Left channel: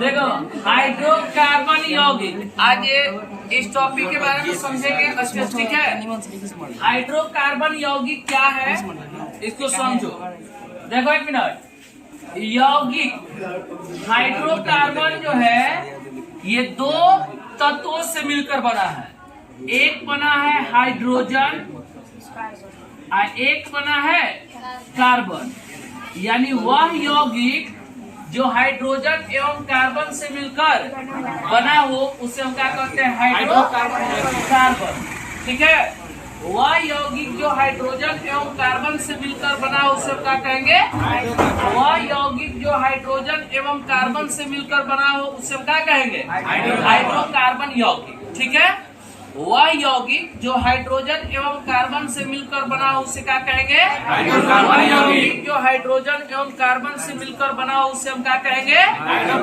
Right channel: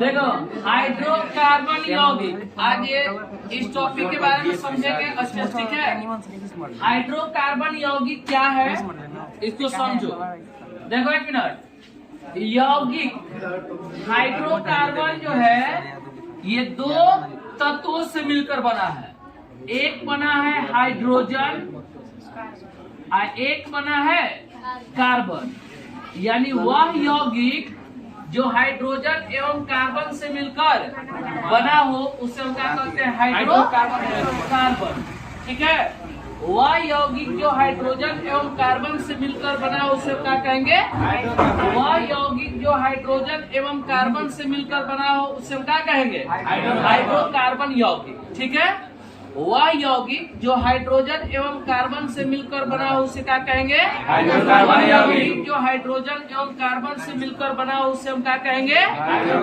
देखो हाइड्रोकार्बन यौगिक, आज ये इस टॉपिक के बारे में समझेंगे अच्छे, ठीक है। हाइड्रोकार्बन यौगिक क्या है इसको समझो। देखो एक मिनट, यौगिक हाइड्रोकार्बन जो है ये दो तत्वों से मिलकर बना है। एक बना है हाइड्रोजन और एक बना है कार्बन, यानी वह यौगिक जो हाइड्रोजन एवं कार्बन से मिलकर बना हो उसे हम क्या कहते हैं, हाइड्रोकार्बन, ठीक है। वह यौगिक जो हाइड्रोजन एवं कार्बन से मिलकर बना हो उसे क्या कहेंगे, वह यौगिक जो हाइड्रोजन एवं कार्बन से मिलकर बना हो उसे हम क्या कहेंगे, हाइड्रोकार्बन यौगिक, ठीक है। वह यौगिक जो हाइड्रोजन एवं कार्बन से मिलकर बना हो उसे क्या कहेंगे, वह यौगिक जो हाइड्रोजन एवं कार्बन से मिलकर बना हो उसे हम क्या कहेंगे,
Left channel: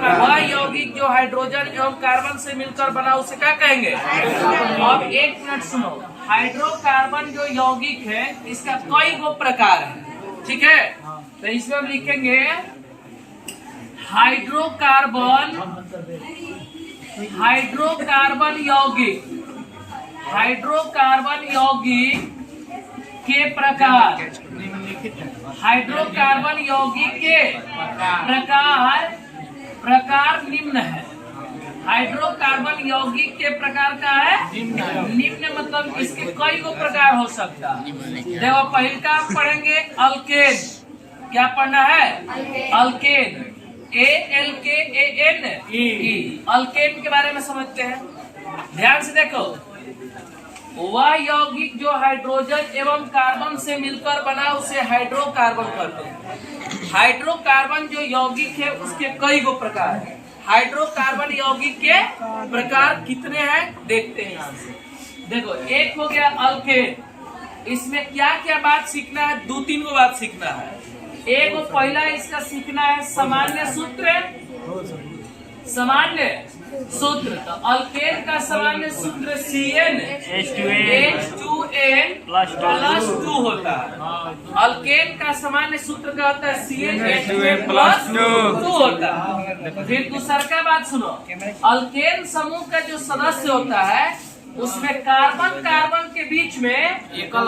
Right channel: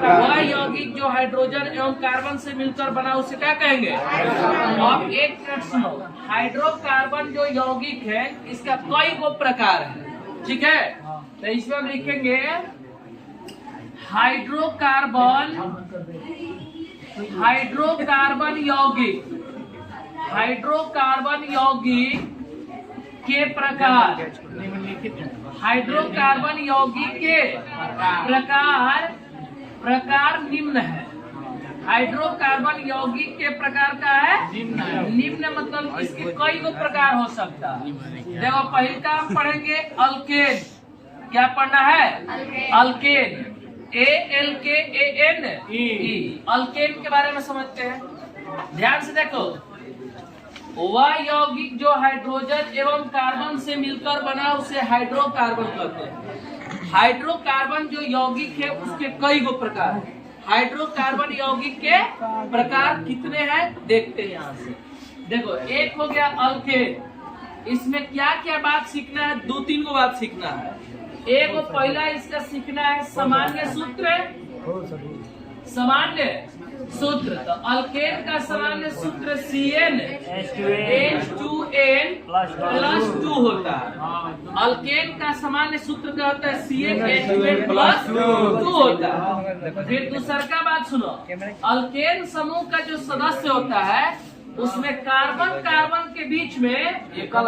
वह यौगिक जो हाइड्रोजन एवं कार्बन से मिलकर बना हो उसे क्या कहेंगे। अब एक मिनट सुनो, हाइड्रोकार्बन जो यौगिक है इसका कई गो प्रकार है, ठीक है। तो इसमें हम लिखेंगे हाइड्रोकार्बन यौगिक, हाइड्रोकार्बन यौगिक के प्रकार, हाइड्रोकार्बन यौगिक के प्रकार निम्न है। हाइड्रोकार्बन यौगिक के प्रकार का है निम्न, मतलब इसके कई गो प्रकार हो सकता है। देखो पहले का हम पढ़ेंगे अल्केन, क्या पढ़ना है, अल्केन, ALKAN, अल्केन के बारे में समझते हैं। ध्यान से देखो, वह यौगिक जो हाइड्रोजन एवं कार्बन से मिलकर बना उसे हाइड्रोकार्बन कहते हैं। हाइड्रोकार्बन जो यौगिक है उसके कई गो प्रकार है। हाइड्रोकार्बन यौगिक के प्रकार कितने हैं देखते हैं यहाँ से। देखो एक हो गया अल्केन, इसमें क्या क्या बात सीखना है, दो तीन गो बात सीखना है। एक पहला इसका सीखना है सामान्य सूत्र, सामान्य सूत्र। तो अल्केन का सामान्य सूत्र CnH2n+2 होता है। अल्केन का सामान्य सूत्र क्या होता है, CnH2n+2 होता है। फिर दूसरा का बात सुनो, अल्केन समूह का जो सदस्य होता है उसमें कार्बन कार्बन के बीच में एकल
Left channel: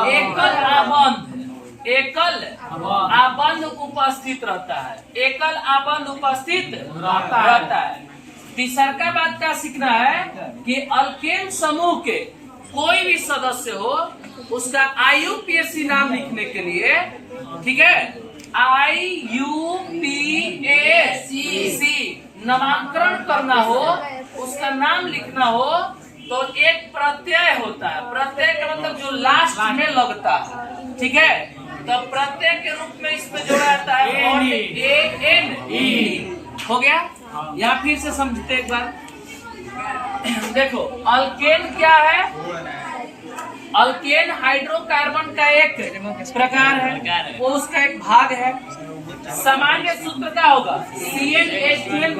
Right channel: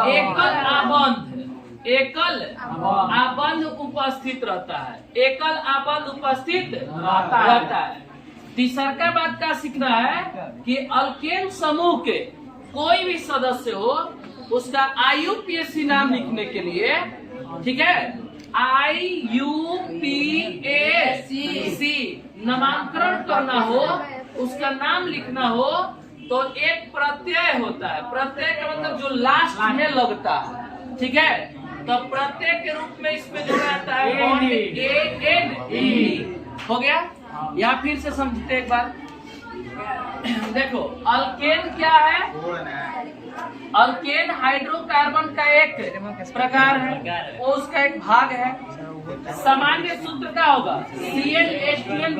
आबंध उपस्थित रहता है, एकल आबंध उपस्थित रहता है। तीसरा का बात का सीखना है कि अल्केन समूह के कोई भी सदस्य हो उसका IUPAC नाम लिखने के लिए, ठीक है, IUPAC नामांकन करना हो, उसका नाम लिखना हो तो एक प्रत्यय होता है। प्रत्यय का मतलब जो लास्ट में लगता है, ठीक है। तो प्रत्यय के रूप में इसमें जोड़ा जाता है ANE, हो गया। या फिर से समझते एक बार, देखो अल्केन क्या है, अल्केन हाइड्रोकार्बन का एक प्रकार है, वो उसका एक भाग है। सामान्य सूत्र क्या होगा, CnH2n+।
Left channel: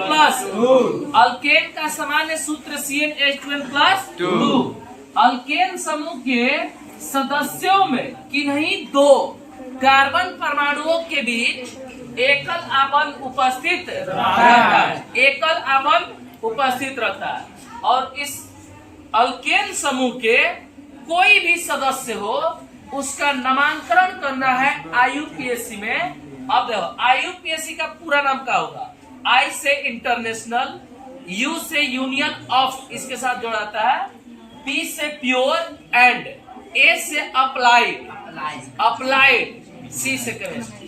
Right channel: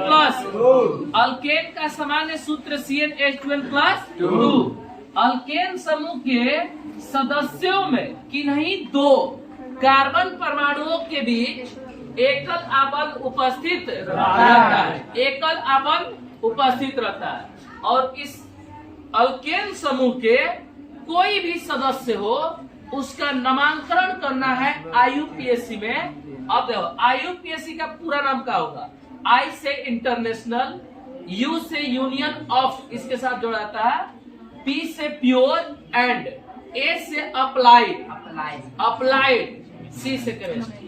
अल्केन का सामान्य सूत्र CnH2n+2। अल्केन समूह के सदस्यों में किन्हीं दो कार्बन परमाणुओं के बीच एकल आबंध उपस्थित रहता है, एकल आबंध उपस्थित रहता है। और इस अल्केन समूह के कोई भी सदस्य हो उसका नामांकन करना है IUPAC में। अब देखो IUPAC का पूरा नाम क्या होगा, I से इंटरनेशनल, U से यूनियन ऑफ, इसके साथ जोड़ा जाता है, P से प्योर एंड A से अप्लाइड, C से केमिस्ट्री।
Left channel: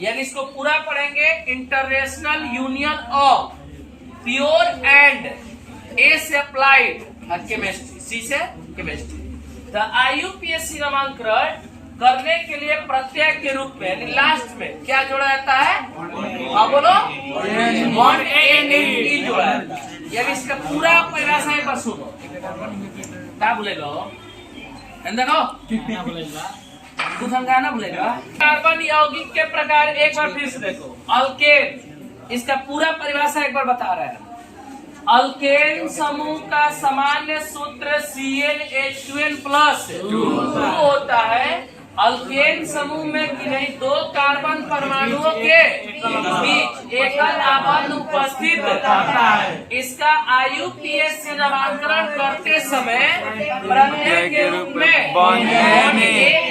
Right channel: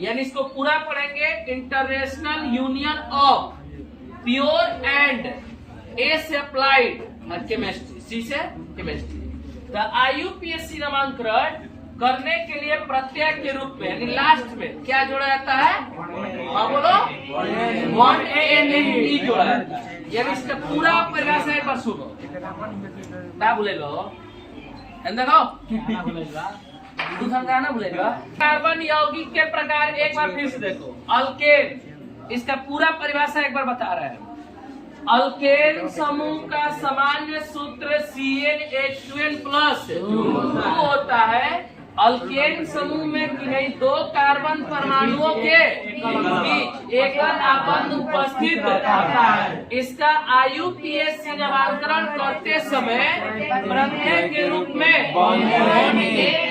यानी इसको पूरा पढ़ेंगे, international union of pure and, A से अप्लाइड केमिस्ट्री, C से केमिस्ट्री। तो IUPAC नामांकन करने के लिए प्रत्यय के रूप में यानी लास्ट में क्या जोड़ा जाता है, हाँ बोलो, 1ANE जोड़ा जाता है। यानी इसका पूरा परिभाषा एक बार सुनो, क्या बोलेगा, देखो गाना बोलेगा। कार्बन यौगिक के प्रकार एक बार फिर से देखो। अल्केन, इसका पूरा परिभाषा एक बार बता रहे हैं। अल्केन समूह का सामान्य सूत्र CnH2n+2 होता है। अल्केन समूह में किन्हीं दो कार्बन परमाणुओं के बीच एकल आबंध उपस्थित रहता है। इसका IUPAC नामांकन करते समय प्रत्यय के रूप में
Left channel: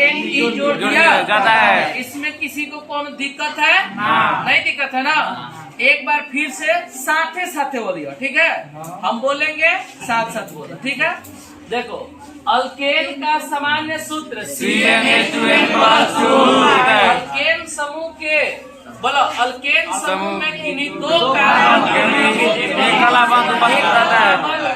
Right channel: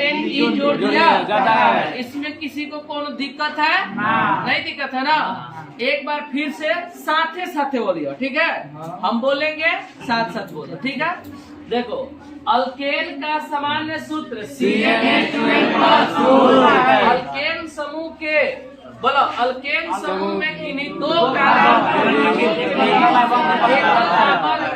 ANE जोड़ दिया जाता है। इसमें किसी को कौन दिक्कत है? नहीं दिक्कत है ना। एक बार फिर से साथे साथे बोलिए, ठीक है? हम बोलेंगे साथ साथ बोलो, ठीक है? देखो, अल्केन का सामान्य सूत्र CnH2n+2। अल्केन समूह के बोलो, अल्केन समूह में किन्हीं दो कार्बन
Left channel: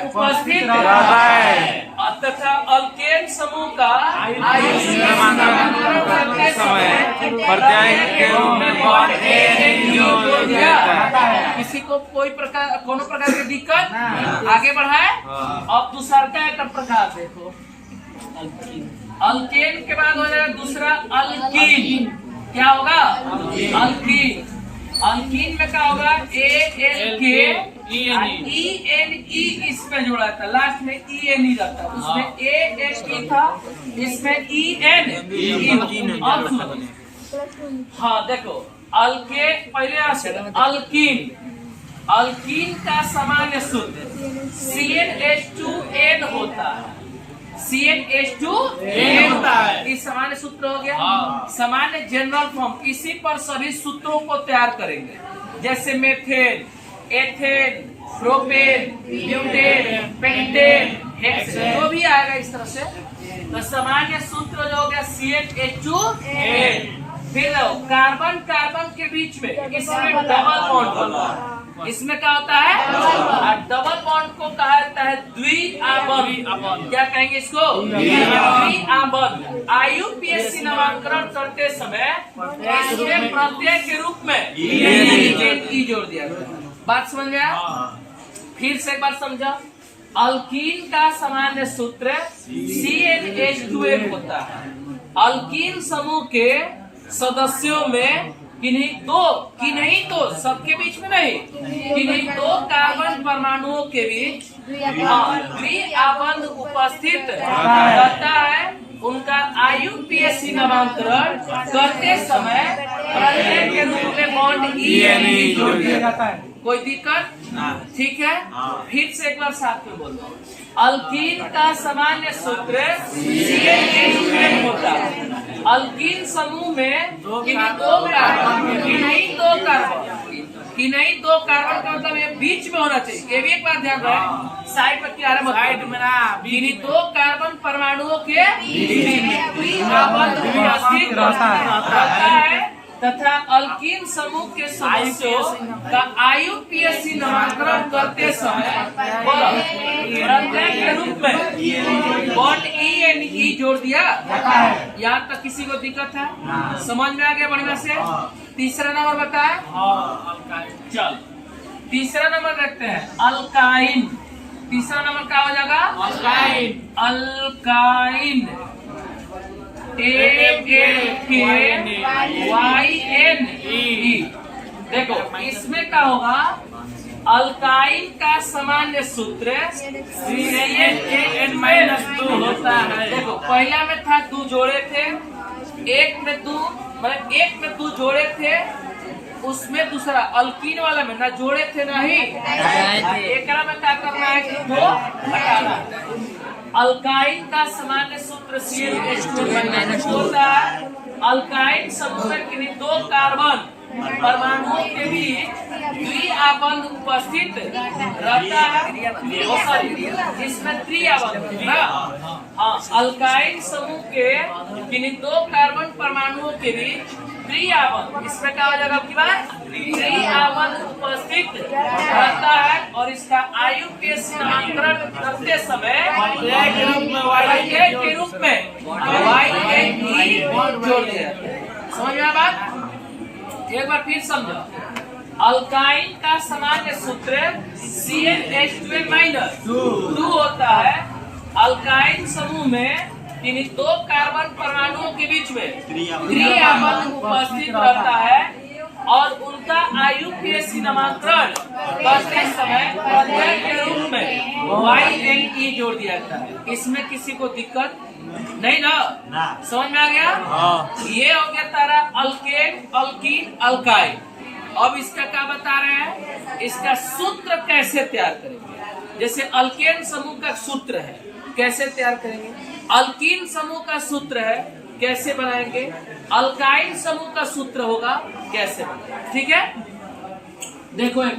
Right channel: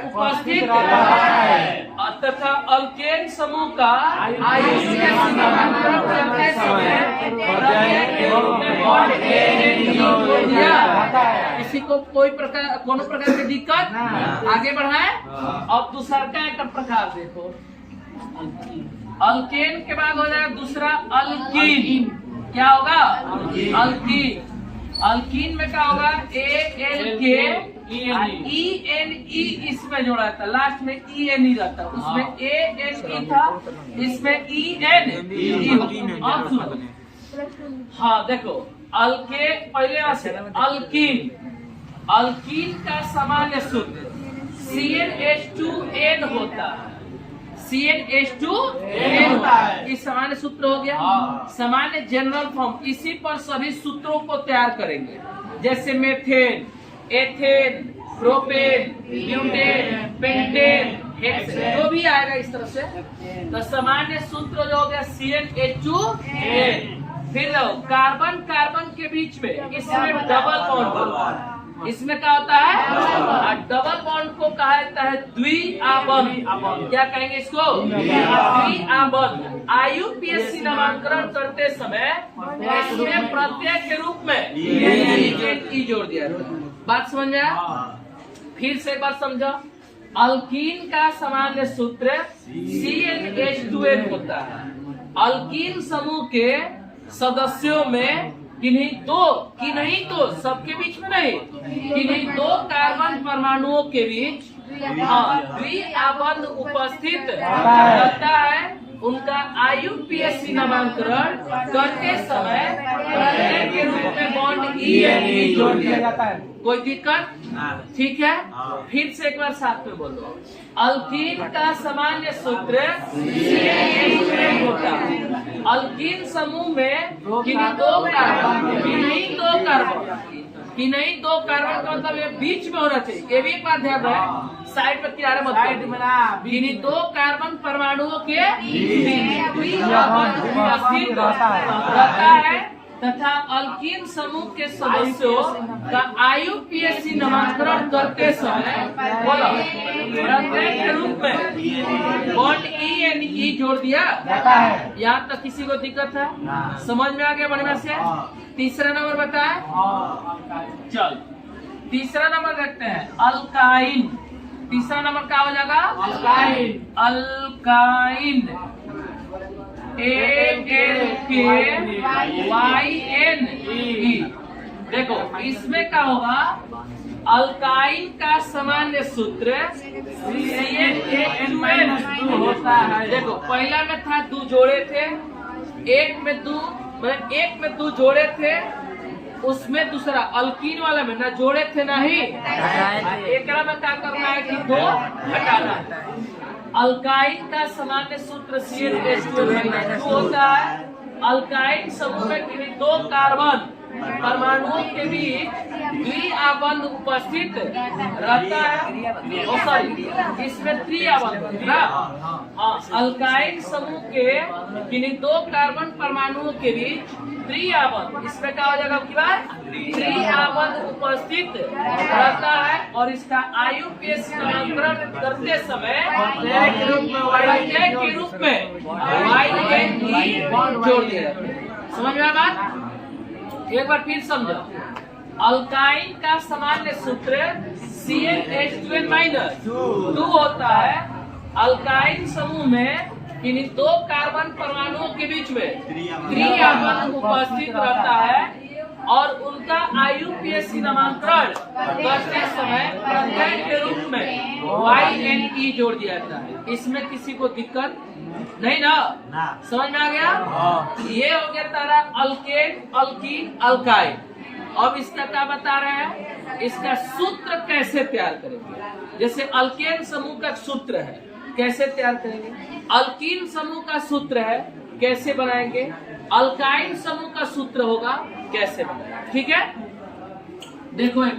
उपस्थित रहता है तथा अल्केन समूह का IUPAC नामांकन करते समय प्रत्यय के रूप में बॉन्ड ANE जोड़ दिया जाता है। किसी को कोई प्रकार की दिक्कत? आगे बढ़ाए। अब दूसरा का एक प्रकार देखो। अल्केन के बाद हो जाएगा दूसरा अल्कीन। क्या होगा? अल्कीन। अल्कीन में क्या होगा? ALK ENE इसमें जोड़ा था, लास्ट में ENE रहता, उसमें ANE था, इसमें ENE। अब सुनो, हाँ देखो, अल्केन पहले से अल्कीन। अल्कीन का सामान्य सूत्र CnH2n होता है। CnH2n होता है। इस सामान्य सूत्र हो गया। सामान्य जनरल फॉर्म, इसी पर सभी सूत्रों को तैयार करेंगे, जैसे methane, ethane, propane, butane, pentane, hexane, जो भी आएगा इस तरह से। तो सामान्य सूत्र जो हो गया CnH2n। फिर कार्बन कार्बन के बीच में इसमें डबल बॉन्ड होता है। इसमें क्या होता है? डबल बॉन्ड को कहा जाता है द्विआबंध। क्या कहेंगे इसको? द्विआबंध। IUPAC नामांकन करते समय इसमें प्रत्यय के रूप में E जोड़ दिया जाता है। बात समझ में आया? फिर से एक बार समझो। अल्कीन का सामान्य सूत्र CnH2n होता है। अल्कीन समूह के सदस्यों में किन्हीं तो सबके बीच में नहीं, किन्हीं दो कार्बन परमाणुओं के बीच द्विआबंध उपस्थित रहता है। उनका IUPAC नामांकन करते समय प्रत्यय के रूप में बॉन्ड ENE जोड़ दिया जाता है। कोई दिक्कत? ठीक है। फिर से एक बार साथ में बोलो। अल्कीन का सामान्य सूत्र CnH2n होता है। अल्कीन समूह में किन्हीं दो कार्बन का मतलब ये बीच में होना चाहिए। ये भी एक बात ध्यान रहे, साइड पर किनारे मत, किन्हीं दो कार्बन परमाणुओं के द्विआबंध उपस्थित रहता है तथा अल्कीन समूह के सदस्यों का IUPAC नामांकन करते समय बोलो प्रत्यय के रूप में बॉन्ड ENE जोड़ दिया जाता है। यहाँ तक किसी को दिक्कत है? समझ में आ गया बढ़िया से? तीसरा नंबर बताए। चल तीसरा नंबर देखते हैं, अल्काइन। तीसरा नंबर क्या हो जाएगा? Alkyne ALKYNE। देखो, इसमें क्या होगा? अल्काइन का सामान्य सूत्र CnH2n- होता है। देखो, पहला में था दो जोड़े थे, एक में दो जोड़े थे, उसमें दूसरा अल्कीन वाला में ना जोड़े थे ना ही एक में क्या करना है कि दो हटाना। अल्काइन का सामान्य सूत्र CnH2n- होता है। अल्काइन समूह में किन्हीं दो कार्बन परमाणुओं के बीच द्विआबंध उपस्थित रहता है। सॉरी, इसमें त्रिआबंध है ना। हाँ, अल्काइन समूह के किन्हीं दो कार्बन परमाणुओं के बीच त्रिआबंध, इसमें क्या हो जाएगा? त्रिआबंध उपस्थित रहता है और इसका IUPAC नामांकन करते समय प्रत्यय के रूप में YNE जोड़ दिया। समझ में बात? एक बार फिर समझो। अल्काइन का सामान्य सूत्र CnH2n- 2 होता है। अल्काइन समूह में किन्हीं दो कार्बन परमाणुओं के बीच में क्रिया बल उपस्थित रहता है और उनका IUPAC नामांकन करते समय प्रत्यय के रूप में YNE जोड़ दिया जाता है। इसमें किसी को दिक्कत नहीं ना? समझ में आ गया? ये हो गया तारा अल्केन, अल्कीन, अल्काइन। अब इसका क्या बता रहे हैं? इसका सूत्र कैसे तैयार करेंगे। जैसे अल्केन समूह का सूत्र है, कैसे तैयार करेंगे। अल्कीन समूह का सूत्र है, कैसे बनाएंगे। अल्काइन समूह का सूत्र होगा, कैसे बनाएंगे। ठीक है, देखो एक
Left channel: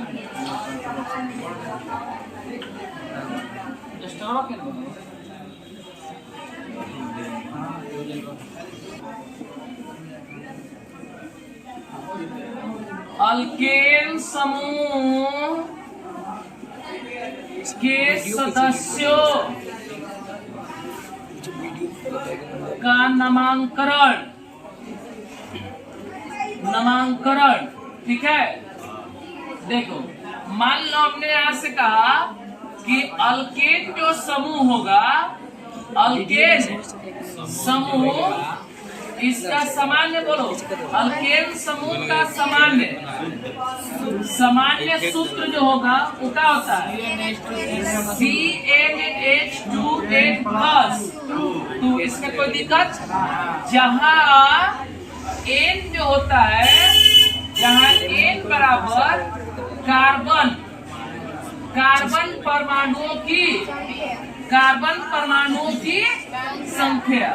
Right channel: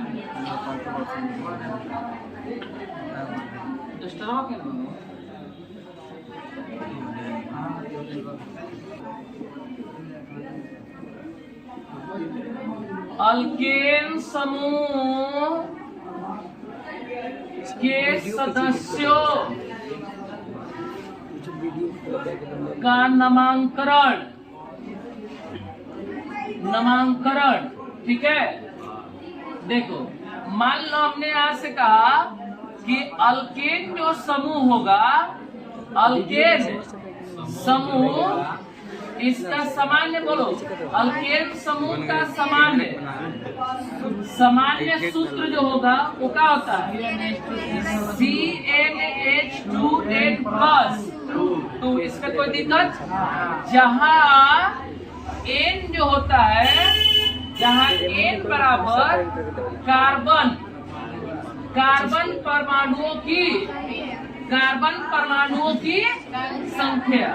अल्केन समूह के सदस्यों का नामांकन, ठीक है। देखो मान लो हमने यहां से कहा कि अल्केन जो समूह होगा, अल्केन समूह, इसका सामान्य बोलो, अल्केन समूह का सामान्य सूत्र जो होगा वो क्या होता है, CnH2n+। तो इसमें कोई दिक्कत, जहां N जो होता है, जहां N बराबर कार्बन परमाणुओं की संख्या,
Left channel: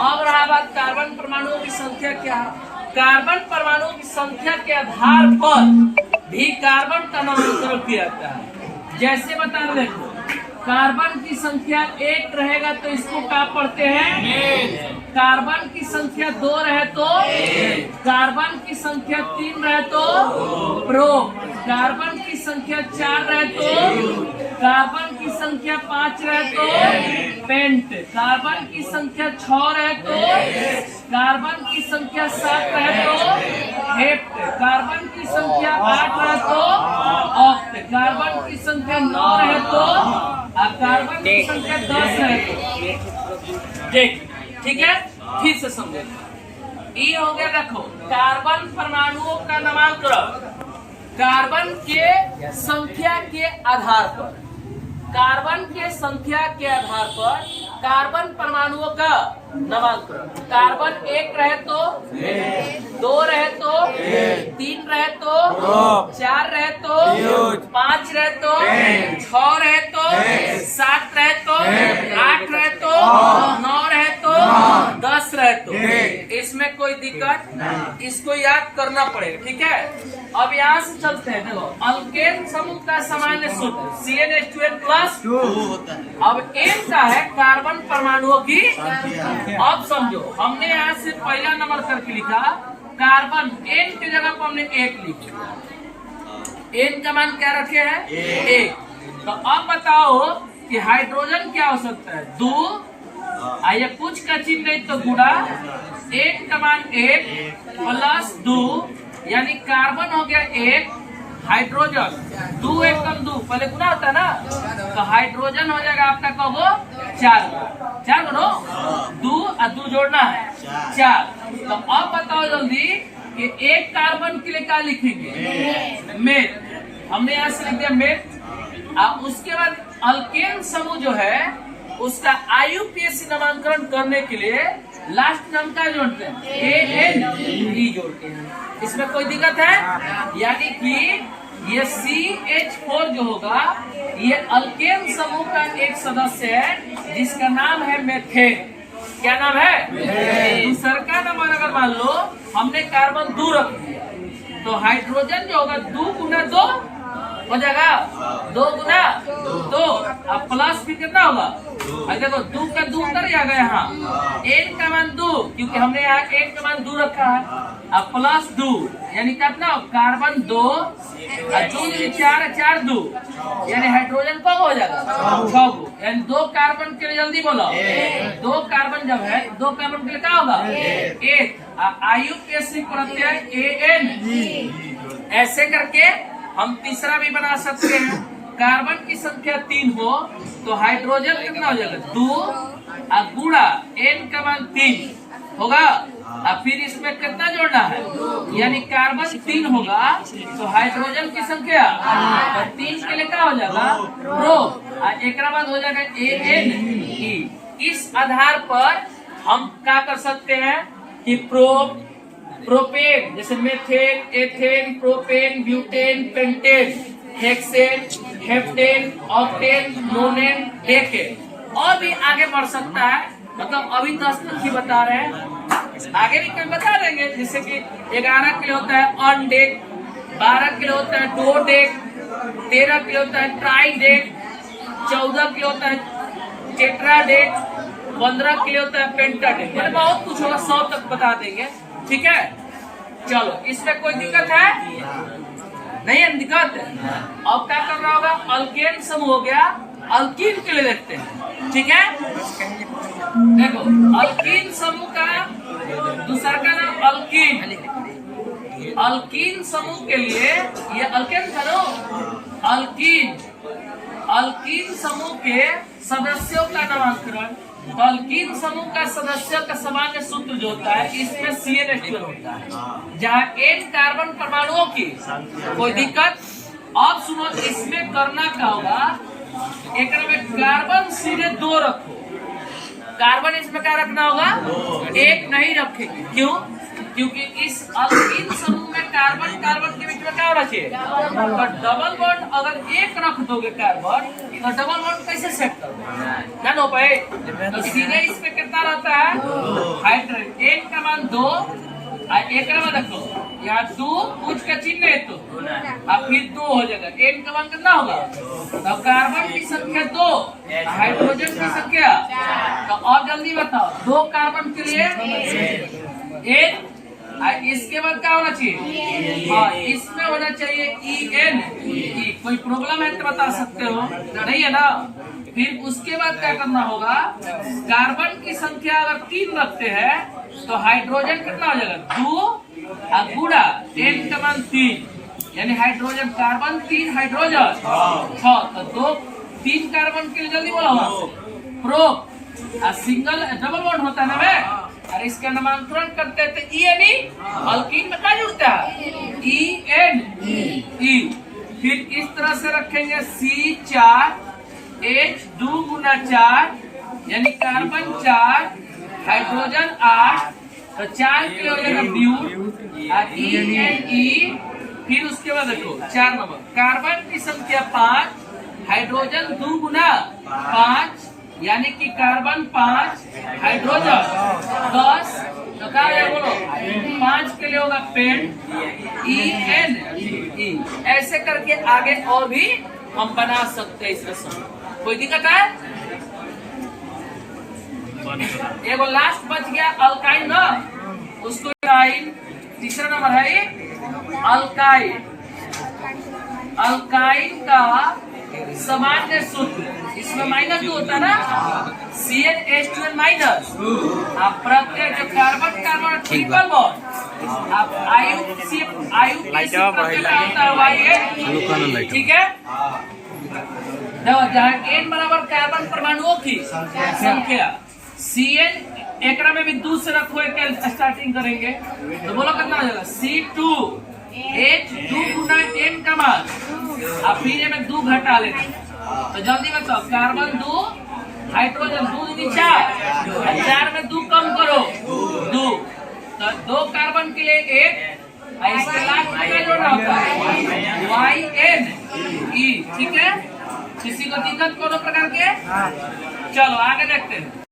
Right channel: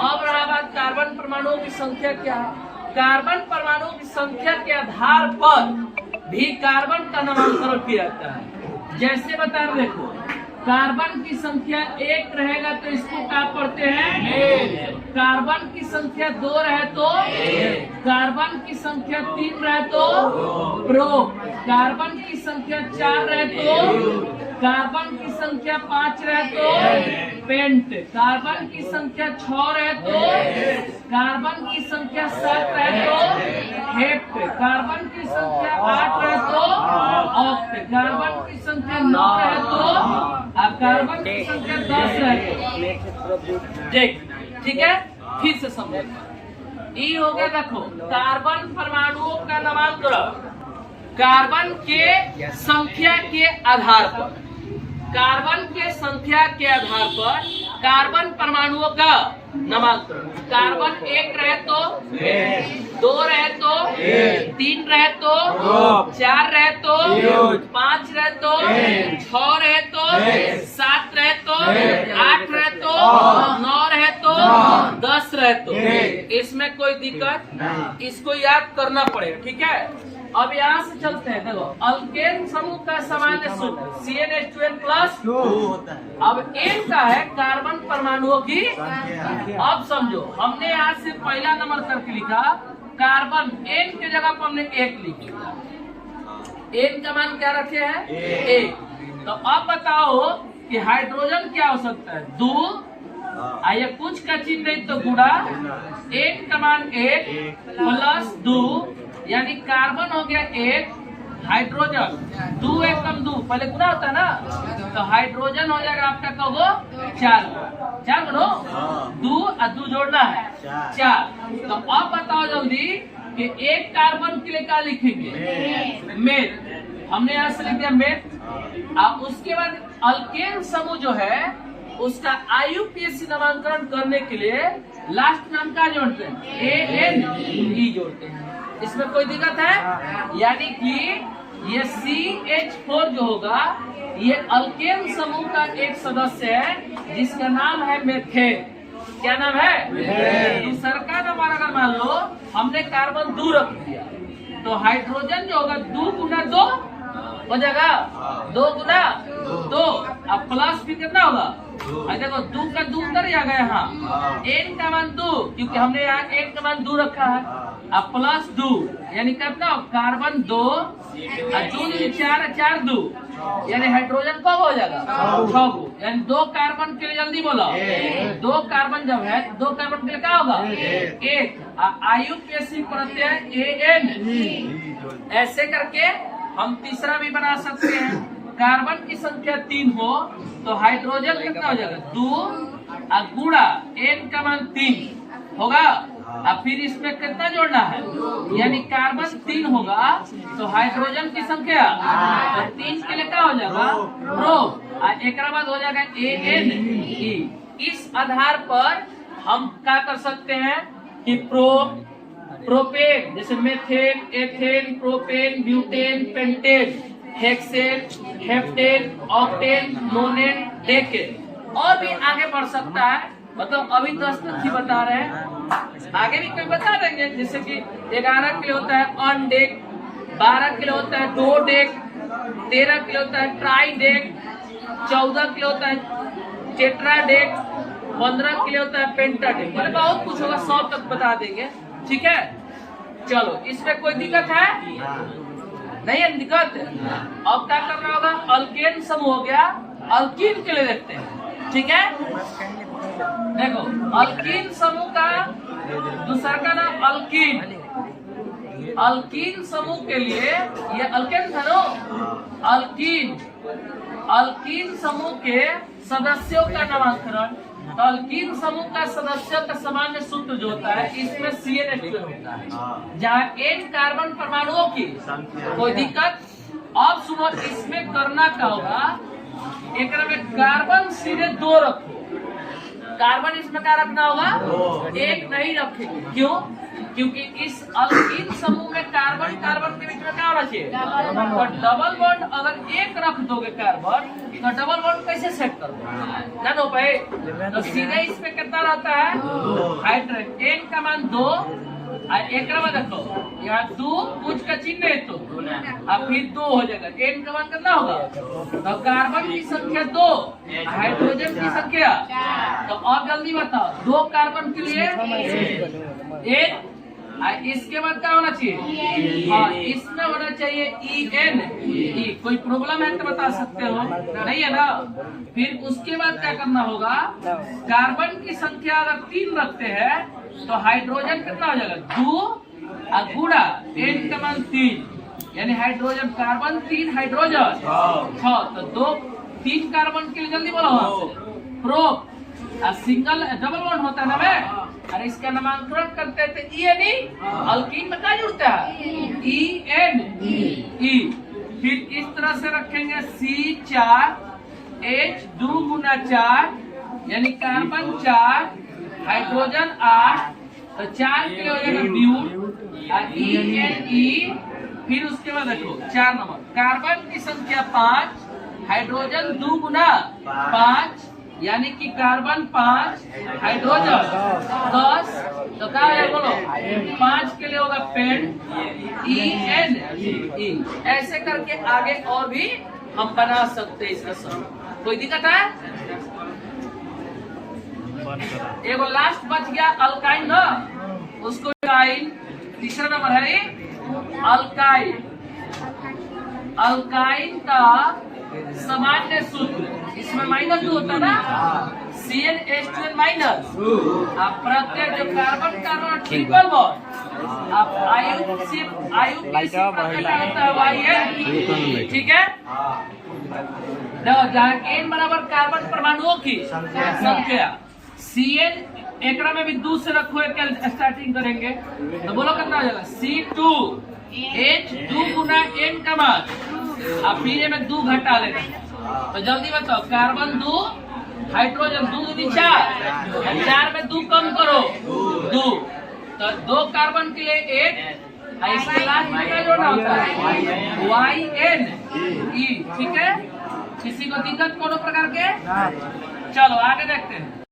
अब रहा बात कार्बन परमाणुओं की संख्या क्या है। कार्बन परमाणुओं की संख्या के आधार पर भी कार्बन का नामांकन किया जाता है। जैसे बता रहे, देखो कार्बन की संख्या 1 रहेगा तो इसको क्या पढ़ते हैं, कार्बन की संख्या 2 रहे तो, कार्बन की संख्या 3 रहे तो प्रो, कार्बन की संख्या 4 रहे तो, कार्बन की संख्या 5 रहे तो पेंट, कार्बन की संख्या 6 रहे तो, कार्बन की संख्या 7 रहे तो हेप्ट, कार्बन की संख्या 8 रहे तो ऑक्ट, कार्बन की संख्या 9 रहे तो, कार्बन की संख्या 10 रहे तो। ठीक है, फिर से समझो। ये हो गया, देखो कार्बन परमाणुओं का नामांकन कार्बन के संख्या के आधार पर, कार्बन के संख्या के आधार पर कार्बन परमाणुओं का नामांकन। कार्बन 1 रहे तो, 2 रहे तो, 3 रहे तो, 4 रहे तो, 5 रहे तो, 6 रहे तो, 7 रहे तो, 8 रहे तो, 9 रहे तो, 10 रहे तो। इसमें कोई दिक्कत, इसको याद करना पड़ेगा। ठीक है, अब यहाँ से चलते हैं। देखो अल्केन समूह का सामान्य सूत्र CnH2n+। अब N का है कार्बन परमाणुओं की। अब समझो, हमने यहाँ से पहला नंबर करके लिखा कार्बन, N की जगह पर हमने 1 लिख दिया। N का मान क्या रखे हैं, 1। तो अब बताओ कि हाइड्रोजन क्या हो सकता है, 2, आइए कुछ का चिन्ह नहीं तो गुणा, 1 का मान 1 + 2, यानी कार्बन हो गया 1, हाइड्रोजन 2 1 कम 2, पहले गुना होता है ना, तो हाइड्रोजन हो जाएगा आपका कहो 4 गुणो 2 और 2 जोड़ना है 4। तो अब बताओ जल्दी कि 1 कार्बन के लिए क्या लिखेंगे, मेथ। हमने यहाँ से लिख दिया मेथ। अब उसके बाद अल्केन समूह जो है उसका IUPAC नामांकन करने के लिए लास्ट नाम का जोड़ते हैं, ANE जोड़ते हैं। इसमें कोई दिक्कत है, यानी कि ये CH4 जो होगा ये अल्केन समूह का एक सदस्य है जिसका नाम है मेथेन। क्या नाम है, दूसरा का नंबर अगर मान लो हमने कार्बन 2 रख दिया तो हाइड्रोजन जो होगा 2 गुना 2 हो जाएगा, 2 गुना 2, अब प्लस भी कितना होगा, देखो 2 का 2 उतर जाएगा यहाँ, N का मान 2 क्योंकि हमने यहाँ N का मान 2 रखा है, अब प्लस 2 यानी कितना, कार्बन 2 और 2 4 4 2, यानी हाइड्रोजन कब हो जाएगा 6 गो, यानी 2 कार्बन के लिए जल्दी बोलो, 2 कार्बन जब है 2 कार्बन के लिए क्या होगा 1, IUPAC प्रत्यय AN। ऐसे करके हम तीसरा भी बना सकते हैं। कार्बन की संख्या 3 हो तो हाइड्रोजन कितना हो जाएगा 2 गुणा n का मान 3 होगा। अब फिर इसमें कितना जोड़ना है, यानी कार्बन 3 होगा तो हाइड्रोजन की संख्या तो 3 के लिए क्या हो जाएगा प्रो, एक बाद हो जाएगा ANE। इस आधार पर हम क्या कर सकते हैं कि प्रोपेन जैसे methane, ethane, propane, butane, pentane, hexane, heptane, octane, नोनेन, decane और भी आगे बढ़ सकता है। मतलब अभी 10 तक ही बता रहे हैं, आगे भी कोई बता देंगे। जैसे कि 11 के लिए होता है ऑन डेक, 12 के लिए होता है डो डेक, 13 के लिए होता है ट्राई डेक, 14 के लिए होता है टेट्रा डेक, 15 के लिए होता है पेंटा डेक। मतलब बहुत कुछ होगा, 100 तक बता देंगे। ठीक है, चलो इसमें कोई दिक्कत है नहीं है? दिक्कत अब क्या करना होगा, अल्केन समूह हो गया, अल्कीन के लिए देखते हैं। ठीक है, देखो अल्कीन समूह का दूसरा का नाम अल्कीन। अल्कीन समूह के लिए ये अल्केन था ना, अल्कीन समूह के सदस्यों का नामकरण। तो अल्कीन समूह का सदस्यों का सामान्य सूत्र जो होता है इसमें CnH2 होता है, जहाँ N कार्बन परमाणुओं की कोई दिक्कत। अब सुनो, इसमें करना क्या होगा, एक में कार्बन सीधे 2 रखो, कार्बन इसमें क्या रखना होगा 1 नहीं रखेंगे। क्यों? क्योंकि इस अल्कीन समूह में कार्बन कार्बन के बीच में क्या होना चाहिए, तो डबल बॉन्ड अगर 1 रख दोगे कार्बन तो डबल बॉन्ड कैसे सेट करोगे ना हो पाए। तो सीधे इसमें कितना रहता है हाइड्रोजन, N का मान 2, एक में देखो यहाँ 2 पूछ का चिन्ह है तो अब फिर 2 हो जाएगा, N का मान कितना होगा, तो कार्बन की संख्या 2, हाइड्रोजन की संख्या। तो अब जल्दी बताओ, 2 कार्बन के लिए 1, इसके बाद क्या होना चाहिए, हाँ इसमें होना चाहिए EN। कोई प्रॉब्लम है तो बता सकते हो, नहीं है ना। फिर उसके बाद क्या करना होगा, कार्बन की संख्या अगर 3 रखते हैं तो हाइड्रोजन कितना हो जाएगा 2 गुणा N का मान 3, यानी हाइड्रोजन कार्बन 3 हाइड्रोजन 6। तो 3 कार्बन के लिए जल्दी बोला प्रो, सिंगल डबल बॉन्ड होता है ना वे, अरे इसका नामकरण करते थे ENE। अल्कीन में क्या जुड़ता है ENE। फिर इस तरह से रखेंगे C4 H2 गुना 4, यानी कार्बन 4 हाइड्रोजन 8, तो 4 के लिए हो जाएगा ब्यूट ENE। फिर उसके बाद देखो 4 नंबर कार्बन की संख्या 5, हाइड्रोजन 2 गुना 5, यानी कि कार्बन 5 हाइड्रोजन 10, तो क्या है बोलो 5 के लिए होगा पेंट ENE। ऐसे करके आगे और भी हम बना सकते हैं इसका समूह, कोई दिक्कत है? एगो लास्ट बच गया अल्काइन ना, उसको तीसरा नंबर है अल्काइन। अल्काइन का सामान्य सूत्र, इसमें -2 होता है ना, CnH2n माइनस, आप प्रत्येक जो कार्बन कार्बन ट्रिपल बॉन्ड आप आयु के प्रत्येक होता है YN। ठीक है, जहाँ N बराबर कार्बन परमाणुओं की संख्या, Cn एकरा में भी 2 से रखो, एक स्टार्टिंग करेंगे तो बोलो कितना हो जाएगा C2 H2 गुना N का मान, आप फिर में 2 घटा लेना। तो जल्दी बताओ, कार्बन 2 हाइड्रोजन 2 दूनी 4, 4 में 2 कम करो 2, तो 2 कार्बन के लिए 1, इसके लास्ट में क्या जोड़ना होता है YNE। ठीक है, किसी को दिक्कत कोनो प्रकार के? चलो आगे देखते हैं।